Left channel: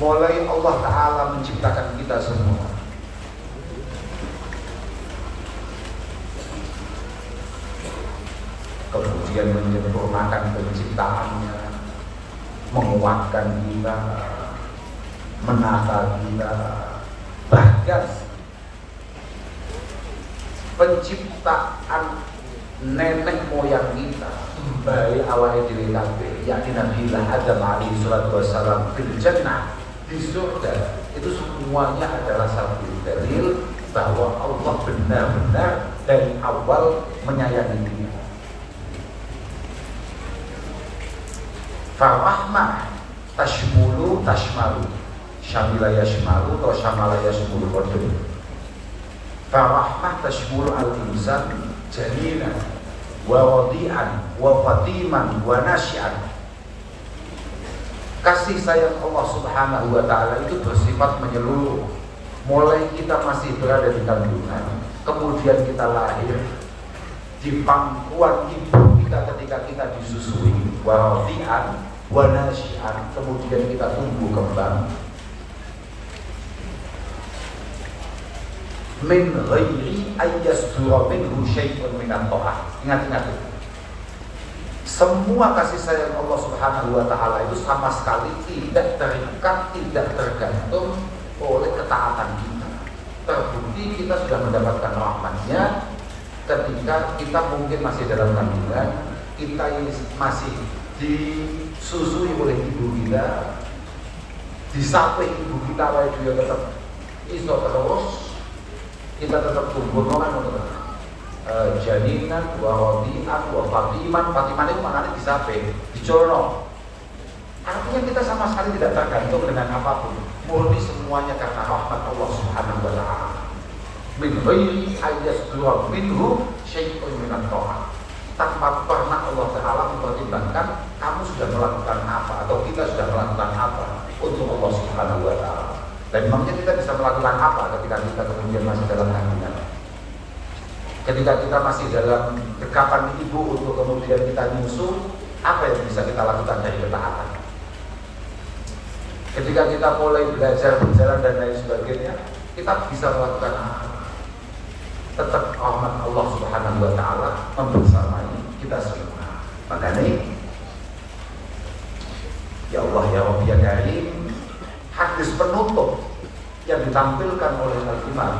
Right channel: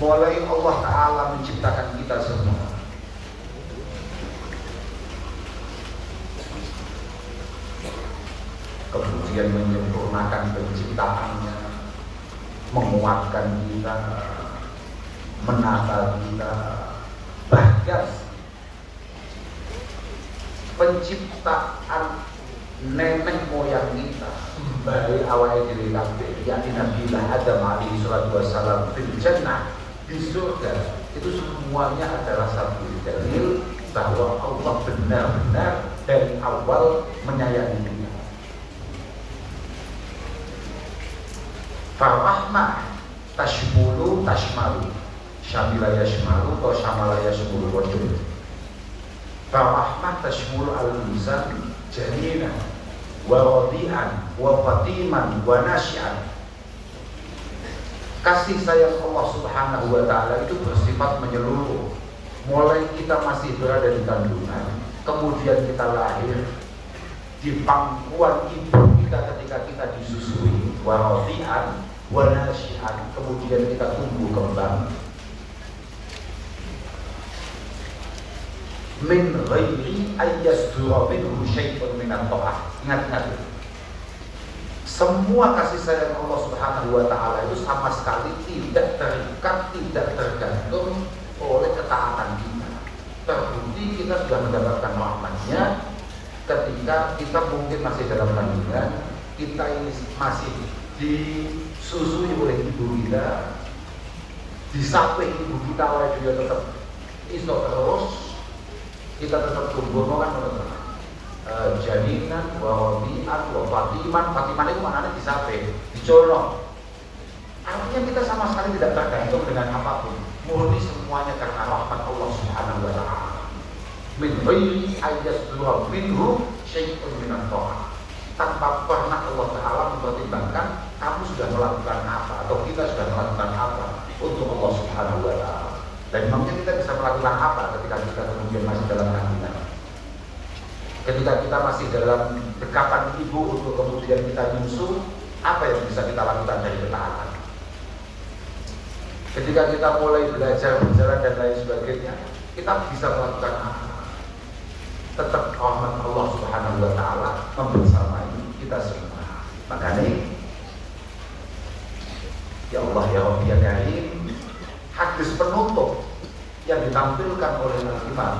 mulai Allah Ta'ala menciptakan kita semua, kemudian menyempurnakan penciptaannya, menguatkan kita, menata kita, bahkan penciptaan nenek moyang kita dari awal diri kabeh, yakni Nabi Adam alaihi salatu wassalam fil jannah, di surga, itu semuanya adalah satu dalil bahwa Allah benar-benar dari awal menyayangi kita. Farahmah tashmulu tashmalu, syamila yashmalu atau syamala yashmulu kodum. Farahmah tashmulu al-insan janina wa wadi'an wa fatiman wa nasyi'an. Kasih sayang Allah Subhanahu wa ta'ala itu bersifat menyeluruh, mulai kita masih berada di kandungan, kemudian kita lahir di pangkuan ibu kita ketika kita disusui, wa wadi'an wa nasyi'an, kemudian kita tumbuh kembang, min ghairi ayyasdura minhu syai'un minat ta'ah. Ingat-ingat itu. Semua kasih sayang Allah Subhanahu wa ta'ala itu sama sekali tidak terikat, tidak tergantung oleh ketaatan kita. Terbukti kita sudah mendapatkan rahmatnya ketika kita mungkin masih dalam kandungan, kita ini masih disusui oleh ibu kita, di samping ibu kita oleh dia tetap iso terus, kita tetap tumbuh jadinan, wadian, fatiman itu maknanya di samping, di jono. Artinya kita sama sekali tidak tergantung dengan apapun, murni semuanya karena rahmat Allah Subhanahu wa ta'ala. Min ghairi ayyasdura minhu syai'un minat ta'ah. Tanpa pernah Allah Ta'ala mempertimbangkan kamu sudah melakukan apa atau kita sudah melakukan apa untuk Allah Subhanahu wa ta'ala. Dan memangnya kita bisa melakukan apa ketika kita kemudian masih dalam kandungan, ketika kita masih dalam dekapan ibu untuk kemudian kita nyusu, apa yang bisa kita lakukan dari ketaatan? Ketika kita mulai belajar berjalan dan lain sebagainya, kita bisa melakukan apa? Tetap rahmat Allah Subhanahu wa ta'ala membersamai kita semua. Makanya ya Allah ya Rabbi ya Karim, hadis penutup yang ditampilkan oleh Al-Imam,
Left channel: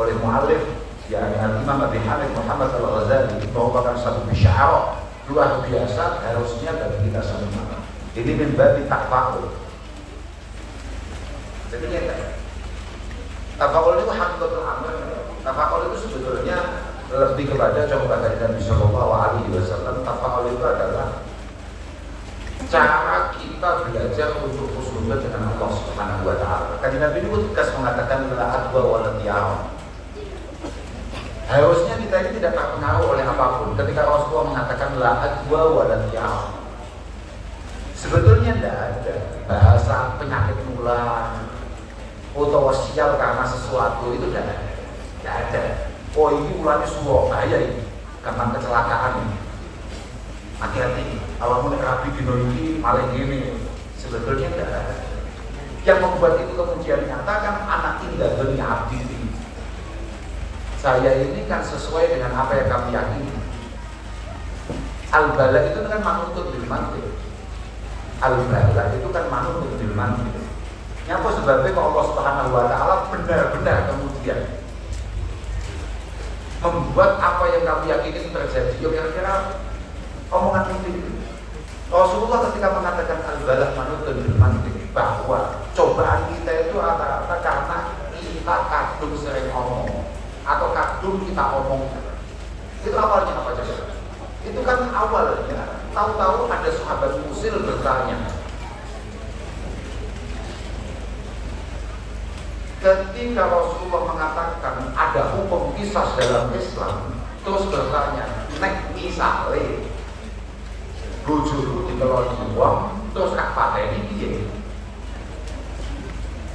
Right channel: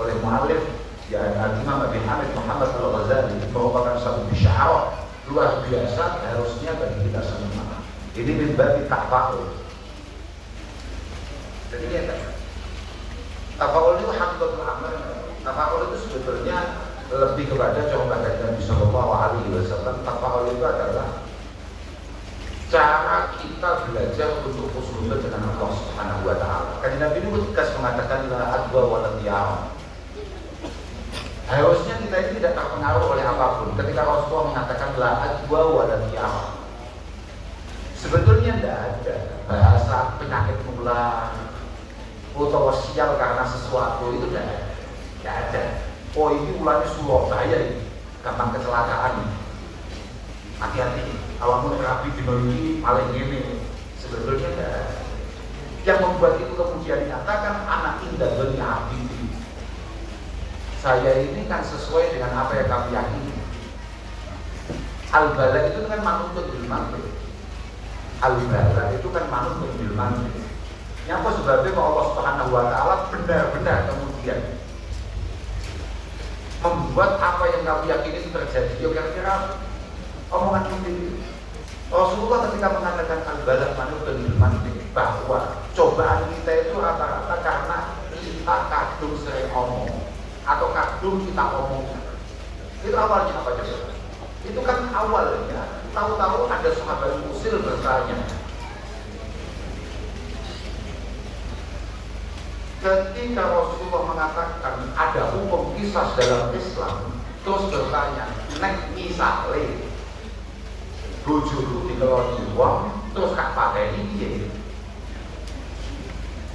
oleh mu'alif ya Al-Imam Abi Hamid Muhammad Al-Ghazali, merupakan satu bisyarah luar biasa harusnya bagi kita semua. Ini min babi ta'fa'ul. Jadi ya tafa'ul itu hakikatul amr. Tafa'ul itu sebetulnya lebih kepada contoh dari Nabi Sallallahu Alaihi Wasallam. Tafa'ul itu adalah cara kita belajar untuk husnuzon dengan Allah Subhanahu wa ta'ala. Karena Nabi ini tegas mengatakan la adwa wa la tiyara. Harusnya kita ini tidak terpengaruh oleh apapun ketika Rasulullah mengatakan la adwa wa la tiyara. Sebetulnya tidak ada bahasa penyakit menular atau sial karena sesuatu itu tidak ada. Oh ini mulanya Surabaya ini karena kecelakaan ini. Hati-hati, kalau mau Nabi dino ini paling ini sebetulnya tidak ada. Yang membuat itu kemudian nyatakan anak indah dunia abdi. Saya ini kan sesuai dengan apa yang kami yakini. Al-bala itu kan manutut bil mantil. Al-bala itu kan manutut bil mantil. Yang apa sebabnya kalau Allah Subhanahu wa ta'ala benar-benar kemudian membuat apa yang kami yakini terjadi. Ya kira-kira omongan itu Rasulullah ketika mengatakan al-balagh manutun bil mantiq, bahwa cobaan kita itu rata-rata karena kita kadung sering ngomong atau kadung kita omong. Itu awalnya apa saja? Itu kan awalnya tahu-tahu ada sahabat Musil bertanya, ketika Rasulullah mengatakan ada hukum qisas dalam Islam, terus bertanya, nek misale bojoku dikeloni uang terus tak pakai ini dia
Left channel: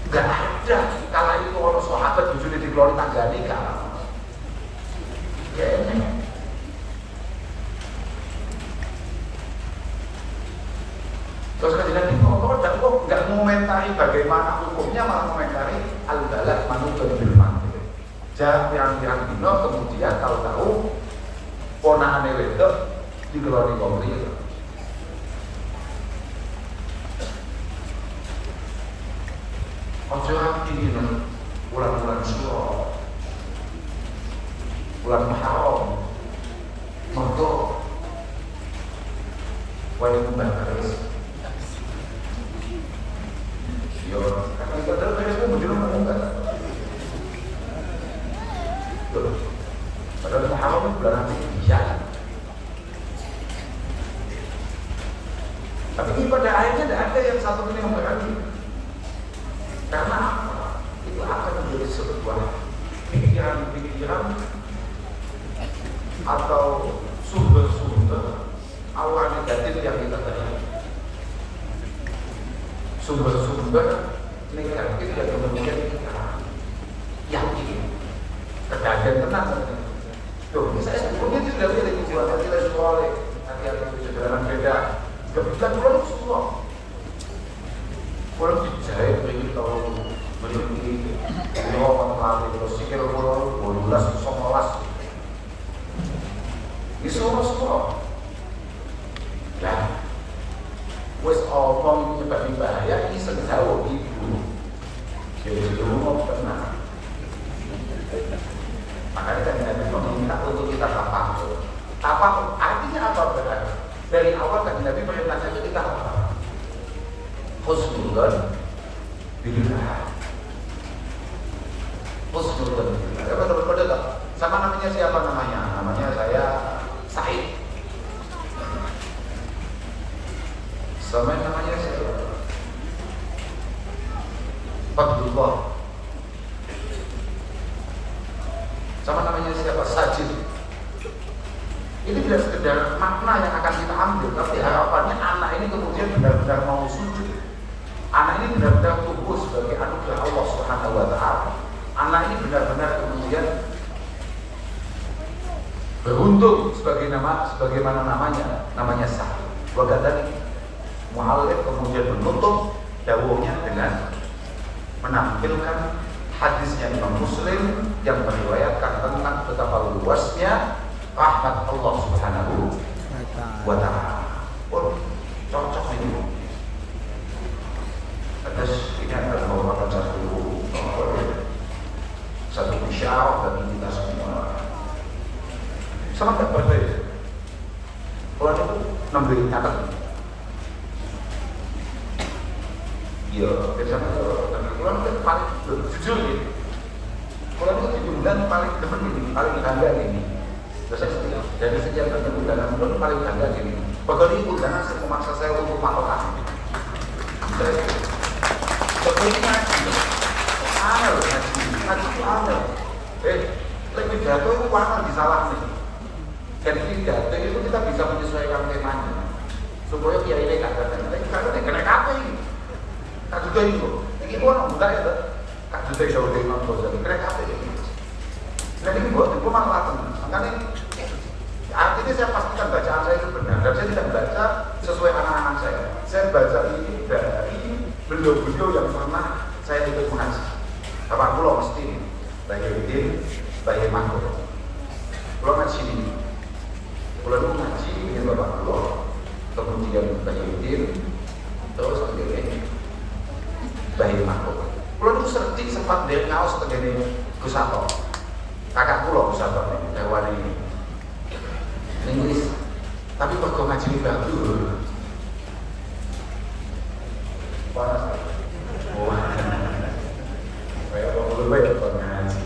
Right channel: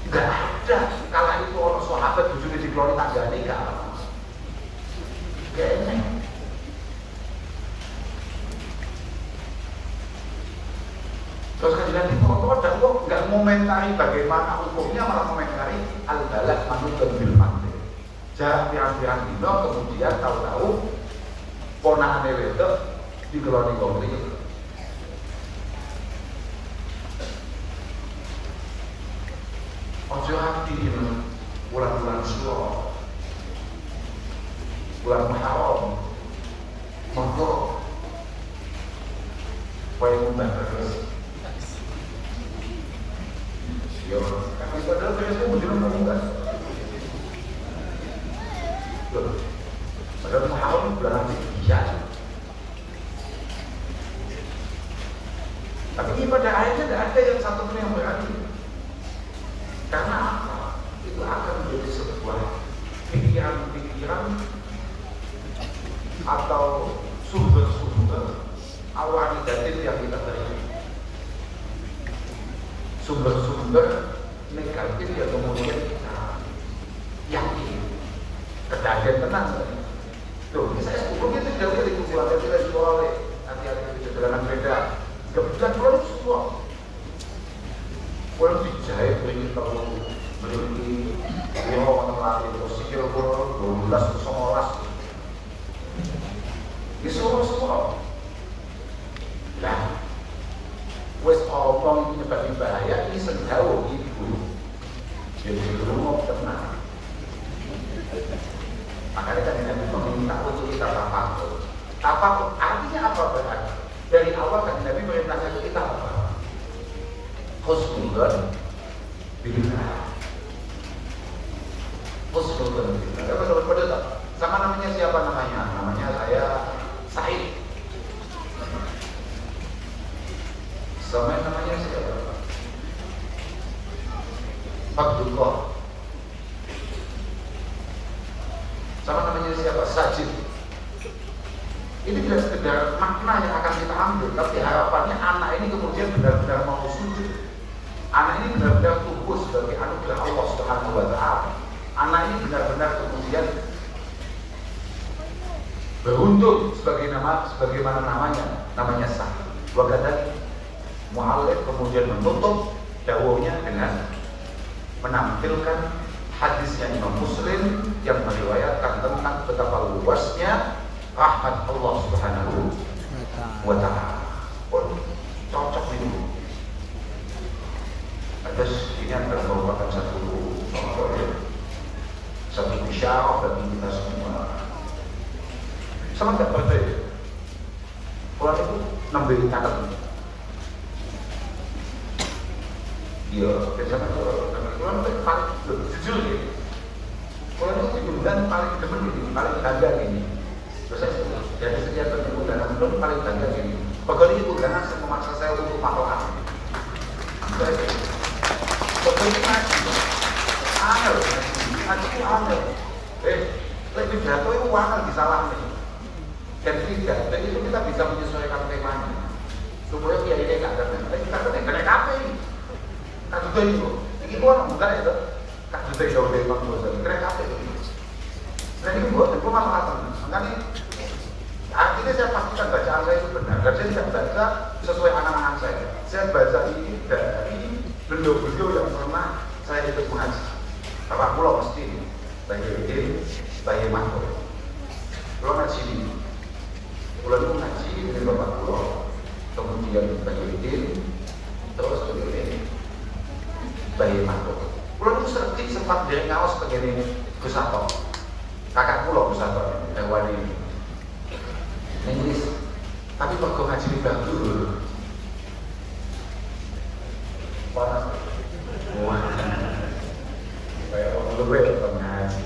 gak ada. Kala itu orang sahabat bojone dikeloni tanggane kan ya ini. Terus kan jadi kok dan kok gak mengomentari bagaimana hukumnya malah komentari al-balad manutun bil mandir. Jangan pirang-pirang dino kemudian tahu-tahu ponakane wedok digeloni wong liya. Ojo hati dengan bulan-bulan suci, bulan Muharram, mergo kaya membahas. Ya, karena kita terus itu bujurnya menunggu. Padahal Muharram itu bulan Isya. Tapi ini pada akhirnya tidak ada yang satu pun yang berarti. Karena itu akan menjadi sebuah pikiran-pikiran atau sumber-sumber awal negatif yang kita terima. Sumber-sumber negatif yang kemudian kita yakin kedagian tenang. Tuh, misalnya sebetulnya tidak ada yang dibuat kita soal hati-hati sederhana beda. Bukan kalau semua kalau dijahit begini kalau beri orang lari terus sikil kalau 12 19 di semua ya wes orang itu juga dibayar ini sedang ibu jadi dulu tenang makanya kan kita meminta untuk kita apa artinya apa berarti dari awal kan Nabi perintah itu kita apa husnudon billah husnudon billah kalau pada sama namanya siapa namanya saya Said sama namanya saya Abdullah sama namanya siapa Sajid. Ini tidak sekedar makna yang akan kita ambil, tapi harapannya anak ini kemudian benar-benar mau sujud. Anak ini benar-benar tumbuh sebagai anugerah Allah Subhanahu wa Ta'ala. Anak ini benar-benar kemudian beruntung sebagaimana namanya sah. Wakatan mu'alif kemudian menutup dawuhnya dengan menampilkan hadisnya Imam Muslim yang meriwayatkan tentang betapa luasnya rahmat Allah Subhanahu wa Ta'ala. Oh, cocok ini. Terus ini adalah merupakan satu isyarat bagi kita semua. Sama tak berbeda. Kalau aku ngambil catat. Iya, biasanya kalau paling jujur ya. Kalau itu diundang paling depan ini, paling bangga ini. Terus saya dari sekian banyak undangan pun paling bangga ini. Pokoknya ini undangan memaksa saya untuk makroan. Pokoknya angel, ngaji angel. Lebih jatuh itu wakil disalah nih. Dan tidak, dan itu kita bisa menyesuaikan temanya. Supaya kiai ini nggak datang, kita datang karena apa ini? Kak juga itu, ini orang muda ya, Kak juga jauh dari orang tua jadi keren apa ini? Dan ini buat itu malah makanya artinya saya pastikan bacaan saya itu benar. Dan saya tidak baca sesuai anak-anak saya. Saya baca ini dari beliau-beliau yang pernah saya ikut mengaji. Bapak pulau mesti bagi rutin, bagi makro. Pulau ngaji ini, pulau ngaji dengan bapak pulau, kemudian bagi rutin, terus kemudian bagi makro. Pulau itu seperti sempat dia ngawas begini Gusato, kakak pulau Gusato, dakwaan ini. Inggris, tapi kok ngaji di Bandung panas. Wah, kayak orang kok ngaji.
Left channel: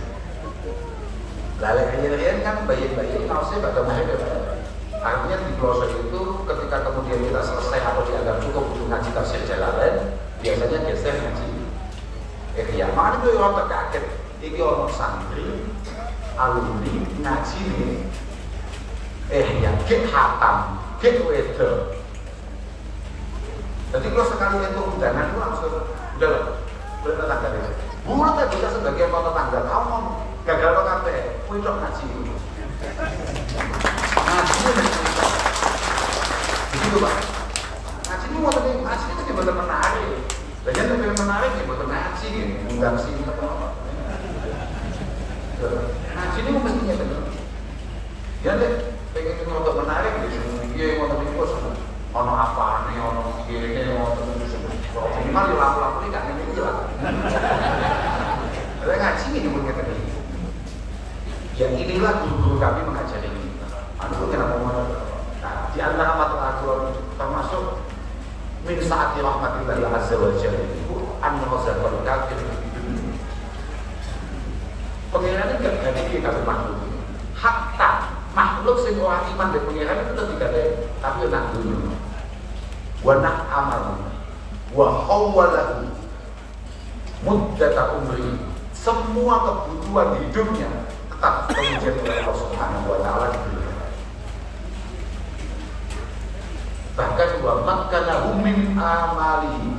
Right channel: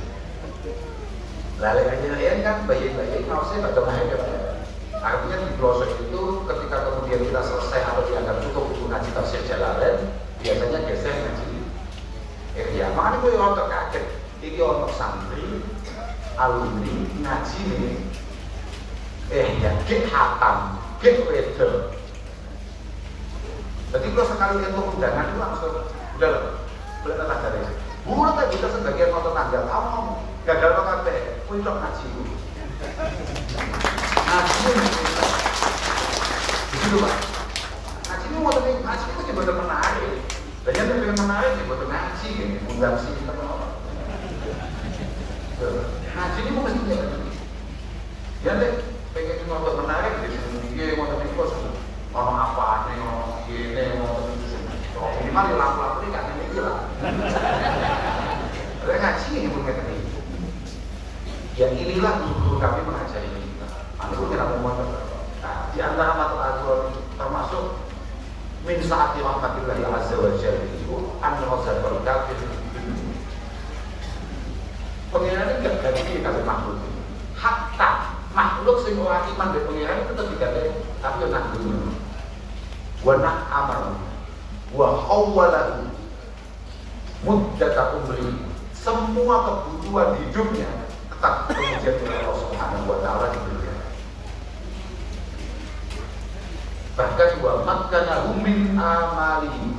Lalu aja kan bayi-bayi harusnya pada mulai. Artinya di pelosok itu ketika kemudian kita selesai atau dianggap cukup untuk ngaji tafsir Jalalain, biasanya geser ngaji. Ya mana itu orang terkaget. Iki orang santri, alumni ngaji nih. Ya, get hatam, get weather. Jadi kalau sekali itu undangan itu langsung udah tak dari. Bukan tak bisa sebagai orang tetangga kamu gagal apa kabe, untuk ngaji. Ngaji, itu pak. Ngaji ini mau ngaji itu benar menarik. Banyak yang menarik ya buat ngaji ini, undang sini ngaji ini mestinya ya deh, pengen ngotot menarik deh, dia ngotot itu ono apa nih, ono gini, ono minimal laku-laku ini kan ini lah. Kalau ngaji ini pun mereka ini. Ya inilah guru kami mengajari ini. Aku tidak mau di antara mata aku termasuk min saati rahmatillahi azza wa jalla itu an-nazarul kafir. Pengirannya tidak dari kalau makhluk. Hakka makhluk sing ora iman be pengiran itu tetap digawe tapi nak dulu. Wa nak amal wa hawwalahu muddata umri. Semua kebutuhan hidupnya tetap terwujud oleh Allah Subhanahu wa taala di dunia. Bahkan wa makkanahu min amali.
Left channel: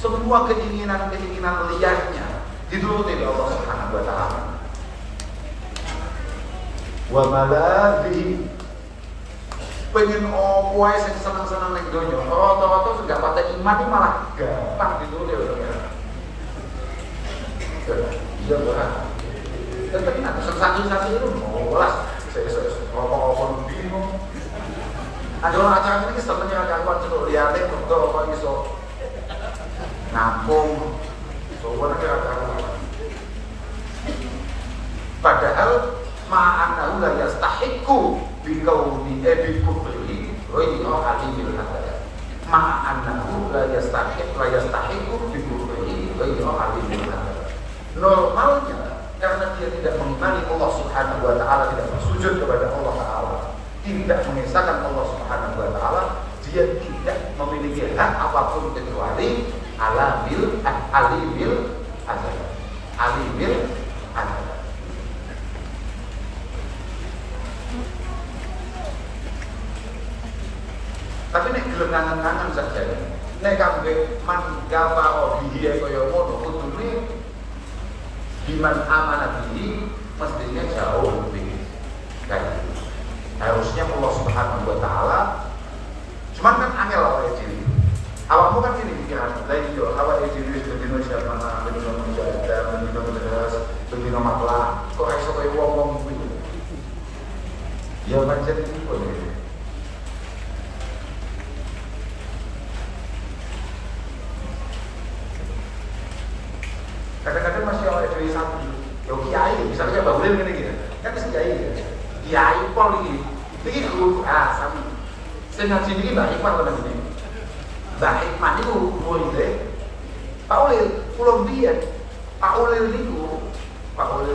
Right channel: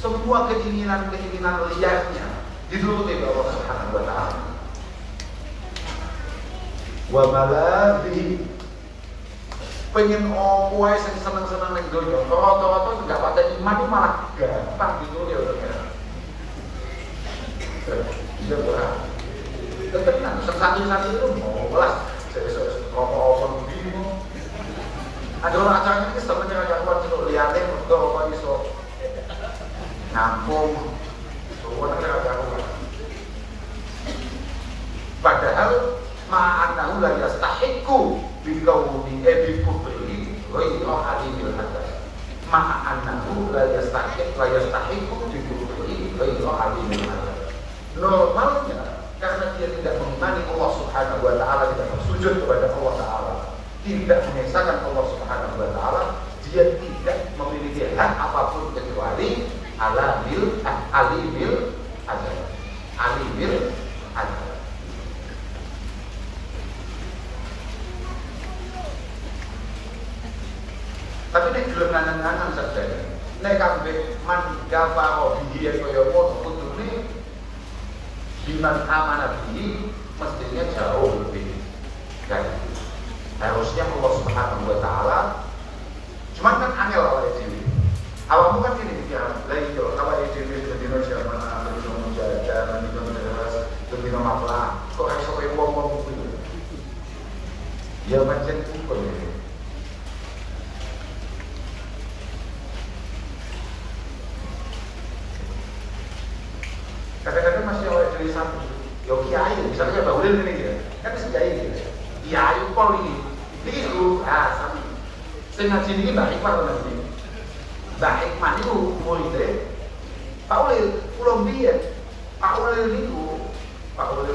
Semua keinginan-keinginan liarnya dituruti oleh Allah Subhanahu wa taala. Wa malabi pengen wae sing seneng-seneng ning donya. Toto sudah pada iman itu malah gampang dituruti oleh Allah. Iya benar. Tenang, satu-satu itu molas. Rokok-rokok bingung. Ada orang acara ini sebenarnya ada orang untuk liatin untuk orang bisa nampung. Padahal ma'anahu la yastahiqu biqawli bikufri ghayra alimil hadar. Ma'anahu la yastahiqu bikufri ghayra alimil hadar. Normalnya karena dia tidak mengimani Allah Subhanahu wa taala, tidak bersujud kepada Allah taala, tidak mengesahkan Allah Subhanahu wa taala, dia tidak memiliki hak apapun kecuali alimil adab. Tapi nek gelenangan-gelenangan saja. Nek kabeh man gafaro bihi kaya ngono kudune biman amanah ini mestinya jauh lebih baik. Harusnya Allah Subhanahu wa taala cuman kan angel awake dhewe. Awakmu kan ini pikiran, lain yo awake dhewe dadi manusia mana ada manusia ada manusia dadi masalah. Kok iso kaya wong-wong kuwi. Ya pancen iku lho. Kadang-kadang masih awal dari satu, yo kiai, misalnya Mbak Ulil ini kan masih kiai, kiai pol ini lu alasan. Sengaja ini Mbak Iqbal nanti, Mbak Iqbal itu muridnya, Pak Ulil, pulau dia, Pak Ulil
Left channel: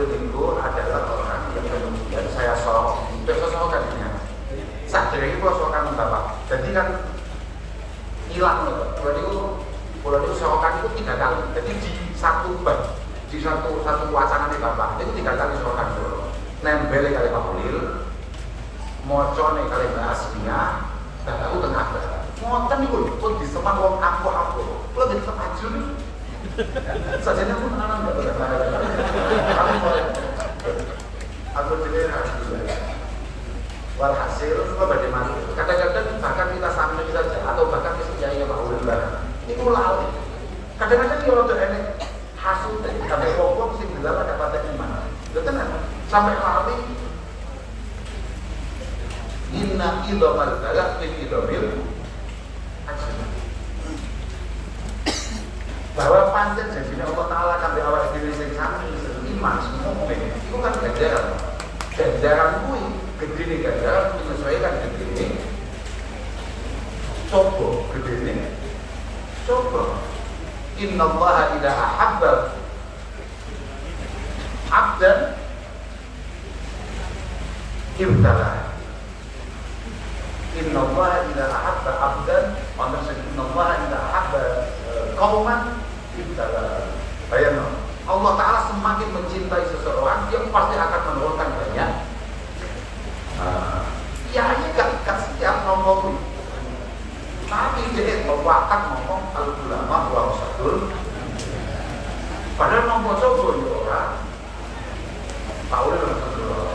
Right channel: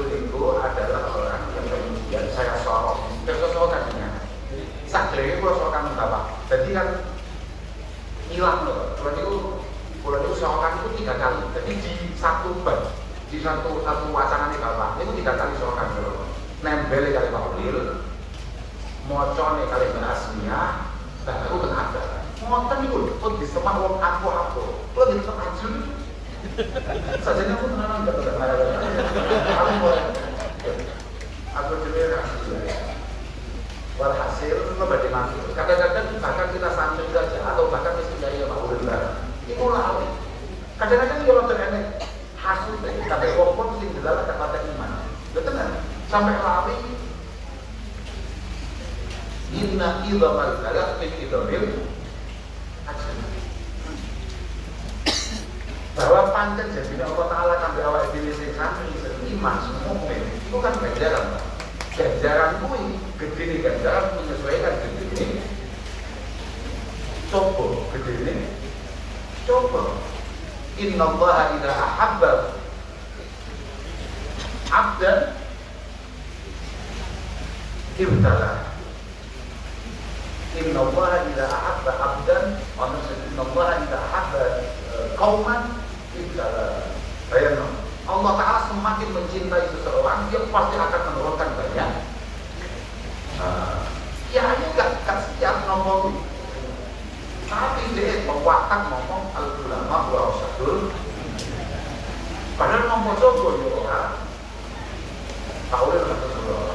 itu adalah orang yang kemudian saya sorokannya, sadari kalau sorokan utama, jadi kan hilang loh, Bulan itu sorokan itu 3 kali, jadi di satu bab, di satu wacana nih Bapak, itu 3 kali sorokan dulu. Nembel kali Pak Ulil, mocone kali Mbak Asmina, dan aku tengah ber. Ngoten itu, kok di semua wong aku, lo di terajun. Sajanya pun nanam Mbak Ulil. Aku jadi walhasil, lo dari mana? Kadang-kadang bahkan kita sambil saja, atau bahkan misalnya Pak Ulil ini ulah. Kadang-kadang dia waktu enek hasil dari kata walaupun sing dalam kata iman. Betul kan? Sampai lari inna idhamal kalam min idhamil ajr. Bahwa pancen jadi Allah Ta'ala kan di awal diri sing kami iman semua itu kan ganjaran. Ganjaran kuwi gede ganjaran menyesuaikan gede ini. Coba gede ini. Coba inna Allah idha ahabba abdan ibtala. Inna Allah idha ahabba abdan inna Allah idha ahabba qawman ibtala. Bayangkan Allah Ta'ala semakin mencintai seseorang, dia pasti akan menurunkan banyak. Ya ini gak setiap ngomong, tapi dia membakat ngomong al-ulama wa rasul. Padahal ngomong sobo ya orang tahu lah sesuatu.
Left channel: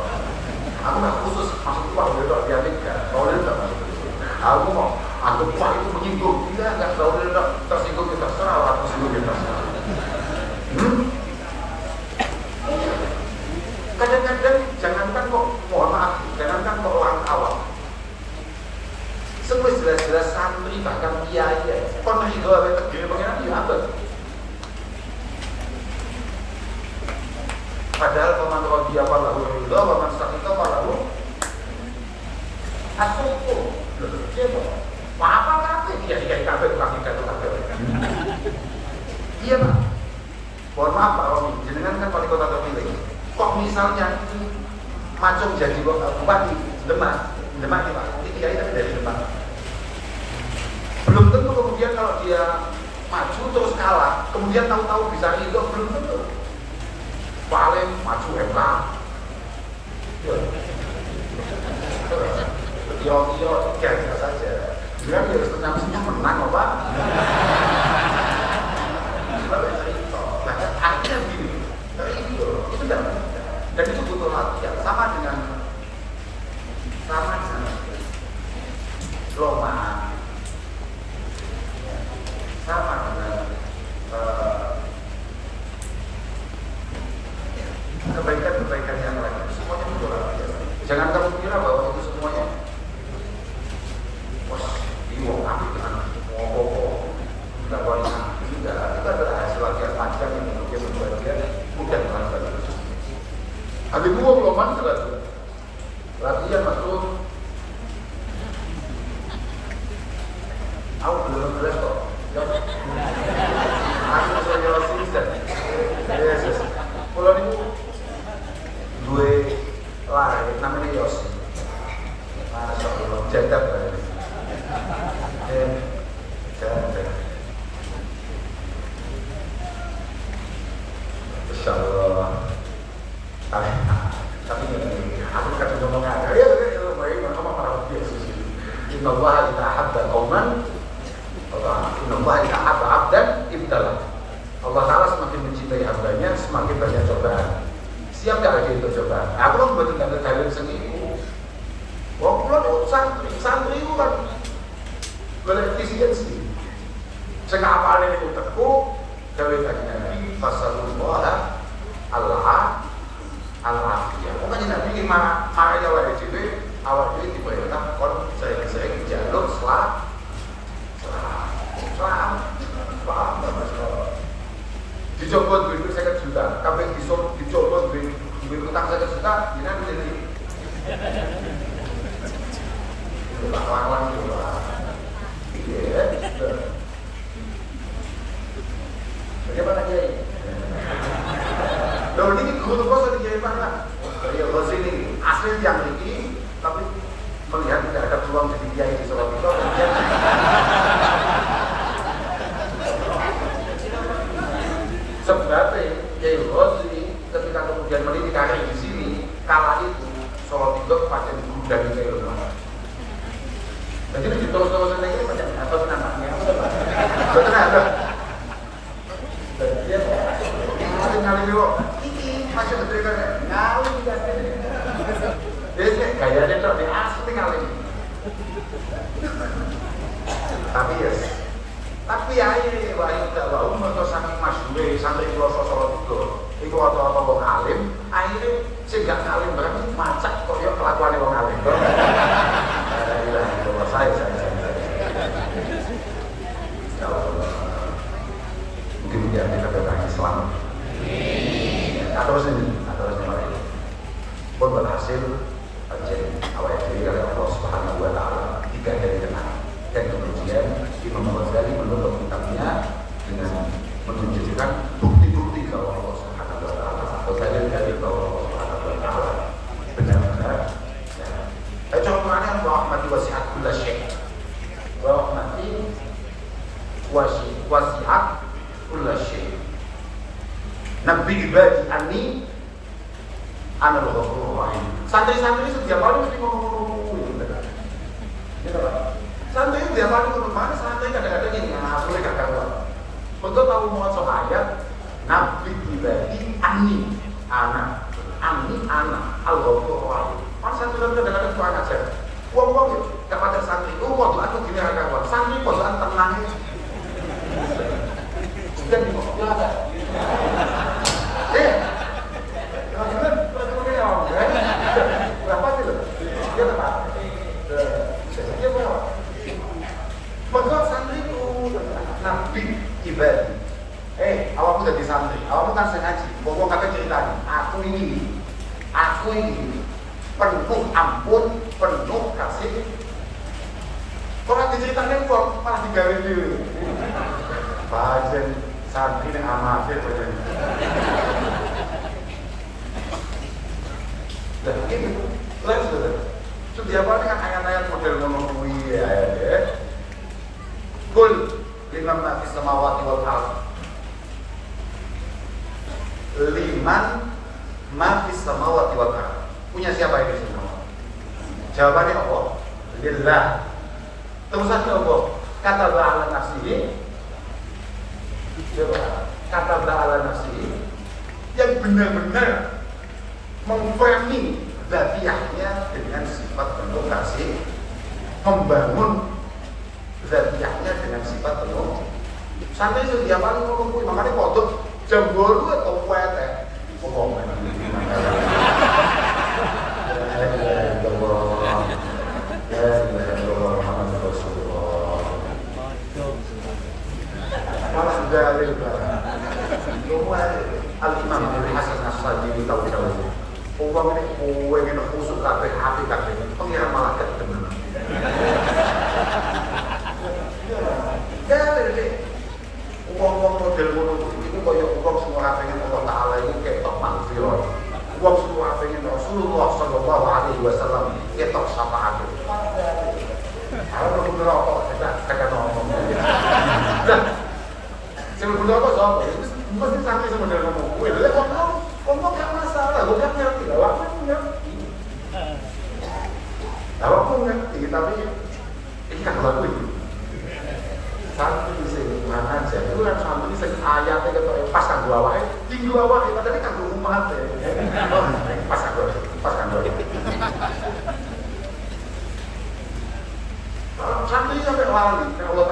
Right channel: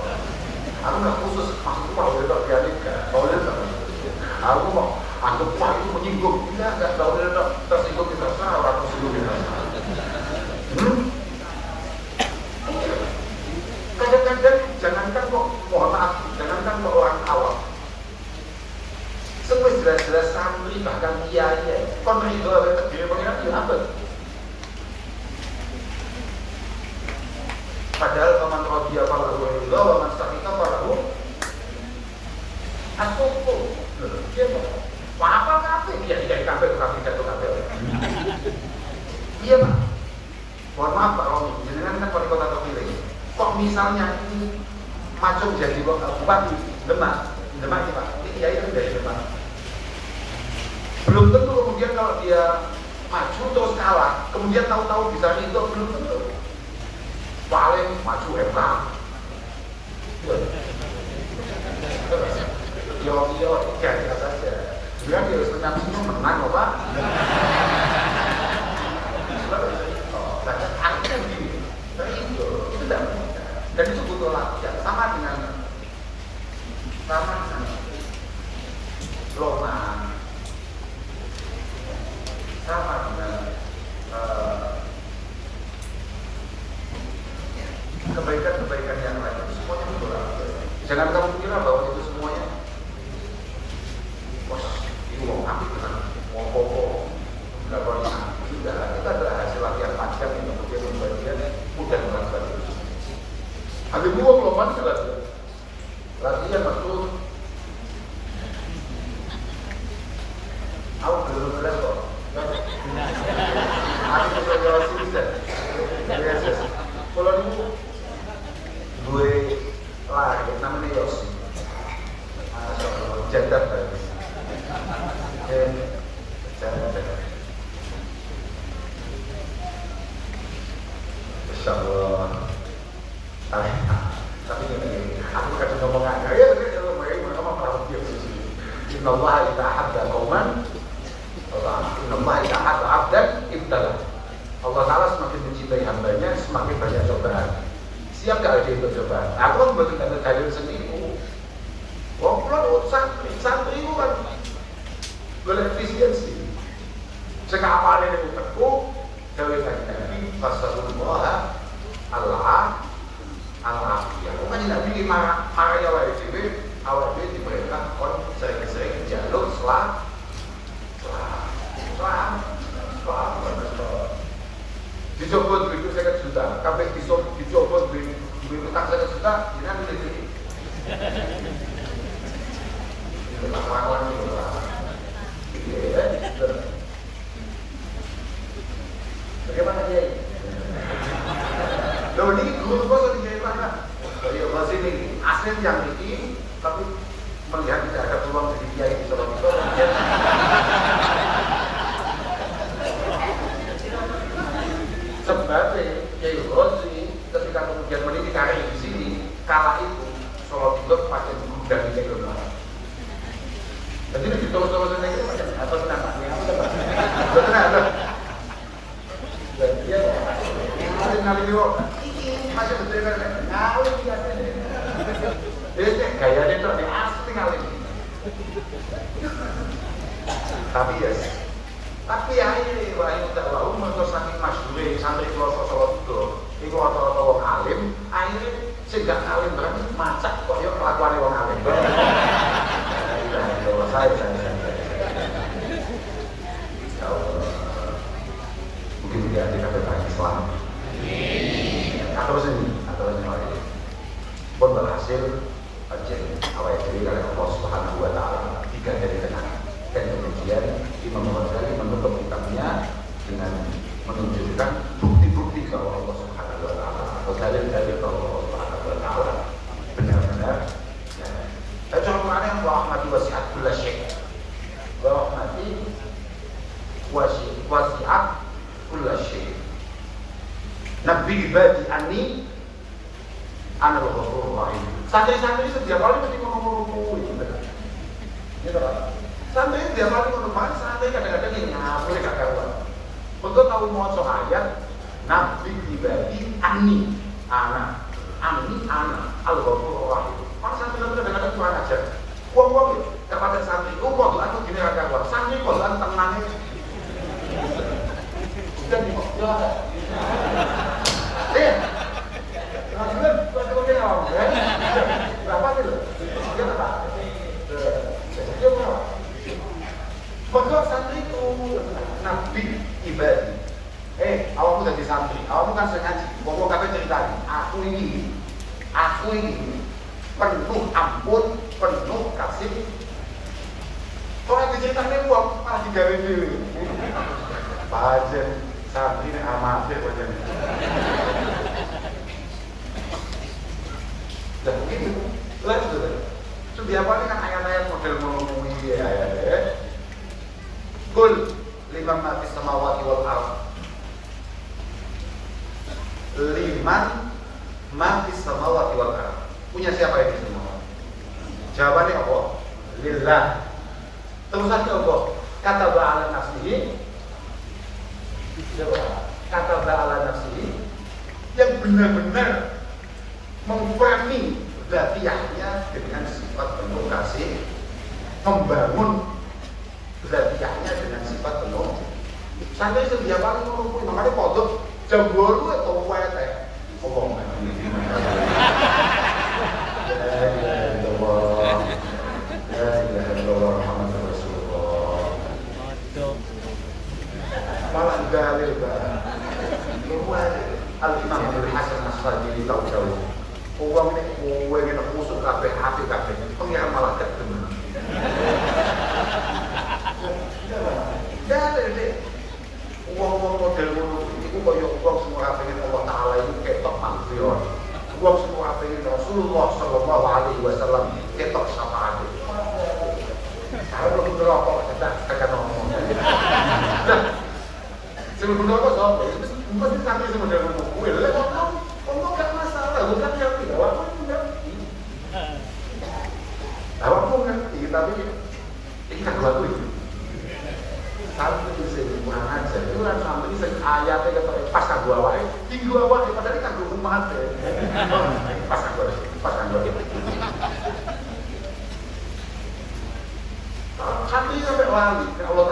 Aku nggak khusus maksudku tahu itu biar nikah. Tahu lah. Aku mau anggap wah itu menyinggung. Tidak tahu lah. Iya Pak. Mohon maaf Pak Romi, jenengan kan wali kota terpilih. Kok misalnya ini Macung jadi bupati Demak Pak, ini kiai kan dari Demak. Belum tentu kemudian kalau dia maju terus kalah, kemudian tahu-tahu bisa itu belum tentu. Paling maju MK. Yo, gaya saja. Dia harus tenang semua menang, Pak. Akhirnya gini, itu tidak mudah. Dan itu butuh latihan. Sama dengan lomba, sama dengan kebaikan-kebaikan yang lain. Semuanya butuh latihan. Jangan kamu kira bahwa itu semuanya bingung, ambil ke sana, ngomong, nggak boleh, tidak. Itu adalah hasil latihan panjang yang kemudian membuat dia mudah melakukan itu. Habis ngomong lomba itu latihan masuk. Aku belum jelas kok. Aku bisa jawab sini dan Yesus. Kalau ini gue lahir namanya Yosi. Ada soal jadab tadi. Insya Allah. Tapi ini aku kasih ngomongnya. Ayo, ngomong kalau Yesus. Inna Allah idza habba qauman, Inna Allah idza habba 'abdan ibtalah. Allah Ta'ala semakin mencintai hambanya, semakin banyak cobaan. Siap gak lagi itu cobaan? Aku kan buat tingkat dalil sendiri. Oh, kalau santri itu kan berefisiensi. Sehingga apa ini teguh, dari Nabi Rasulullah Allah-Afiyah. Pokoknya Nabi makanya wajib awal ini diperintah orang saya jalur selam. Dicoba duit 1 juta, kabeh dicoba duit utang 1 juta, ini aku jadi itu lang-lang gitu lah. Iya. Bagaimana dia ini? Loh ini guru kok di mana? Ya bos ini asli yang ini, tapi melihat tidak ada peluang jadi kiai di Solo itu. Sebabnya Kiai Bos ini ketika kemudian meniti karir di sini, kala itu Solo itu macam dan Kiai Bos. Jadi terus-terusan itu macam atas anaknya. Ternyata dan dia masih ngalih kok. Ini masih betul kan? Tahu tidak ini. Dia gayanya kok di asli kali. Tapi ya ini lain kalau untuk saking masyhur sampai di Solo itu rata-rata wong alim, akhirnya sing gak alim banget macak kok yo kelakuane wong alim. Saya. Mungkin dia tidak Islam. Terus ini lagi. Pun berhasil awal dari Allah Subhanahu Wa Taala tiga dari kenal. Dan kemudian Imam Ghazali menutup kitabnya dengan menunjukkan bukti-bukti bahwa Allah Subhanahu Wa Taala dari bahwa Allah Subhanahu Wa Taala benar-benar. Contohnya rahmati wasi'at kulla syai'. Rahmati wasi'at kulla syai'. Nabi ibadi anni ana al-ghafurur rahim. Santri-santri setiap kali mesti ngomong-ngomong gitu. Santai dia paling untuk mana? Santai kadang-kadang ini boleh kakak buat. Untuk tahu mau ayat Nabi ibadi ani anak al-ghafurur rahim. Pas santri kadang-kadang cuma aja. Wong kepada santri itu waktu aku gini kakak buat. Santri bosan tenangnya. Sudah di ya. Ya. Berapa itu? Dia berapa? Dia berapa? Betul santri itu Nabi ibadi. Awakmu jadi santri, awakmu kan saya ngaji. Pokok kata ceritanya, aku ini penuh ampun, penuh kasih. Kalau diceritakan kok malah digawe dulu. Baca santri yang amatir aja. Dan ini, lihat sudah. Setiap hari kan ayat-ayat model ngomong ya. Kul liman ma fis samawati wal ardh. Liman ma fis samawati wal ardh. Punya siapa ini semua? Jawabannya Allah. Lillah. Terus saja Allah. Kata ba'ala nafsihi. Kata ba'ala nafsihi yang benar-benar memframing dzatiyahnya dengan sifat penuh kasih, membangun dzatiyahnya dengan sifat penuh. Sampai setiap kali ngomong, makanya kodok jam 2 atau WT. Oh, ini mana? Dalil Al-Imam Al-Hasan As-Sadili tahu dalil. Uang ini kue yang kusuk kabeh hati kabeh. Pengiran malaikat benar. Dalil deh. Uang model itu koyo uang semua pengen Allah Taala itu ketok maghfirah. Uang semua pengen Rasulullah sallallahu alaihi wasallam ketok syafaat. Kalau berapa kita kagak ngomong. Sebelum berapa soal itu mesti sampai sebenarnya ngomong gue lah ngomong gak masalah, gue kan ngerti awakmu ngerti tapi ini kan lalu itu satu bisa kurang aja itu kan satu bisa ayatnya pas kan dua awal tinggi awal tapi kan dua umat pas kan dua satu ini sampai wali kalau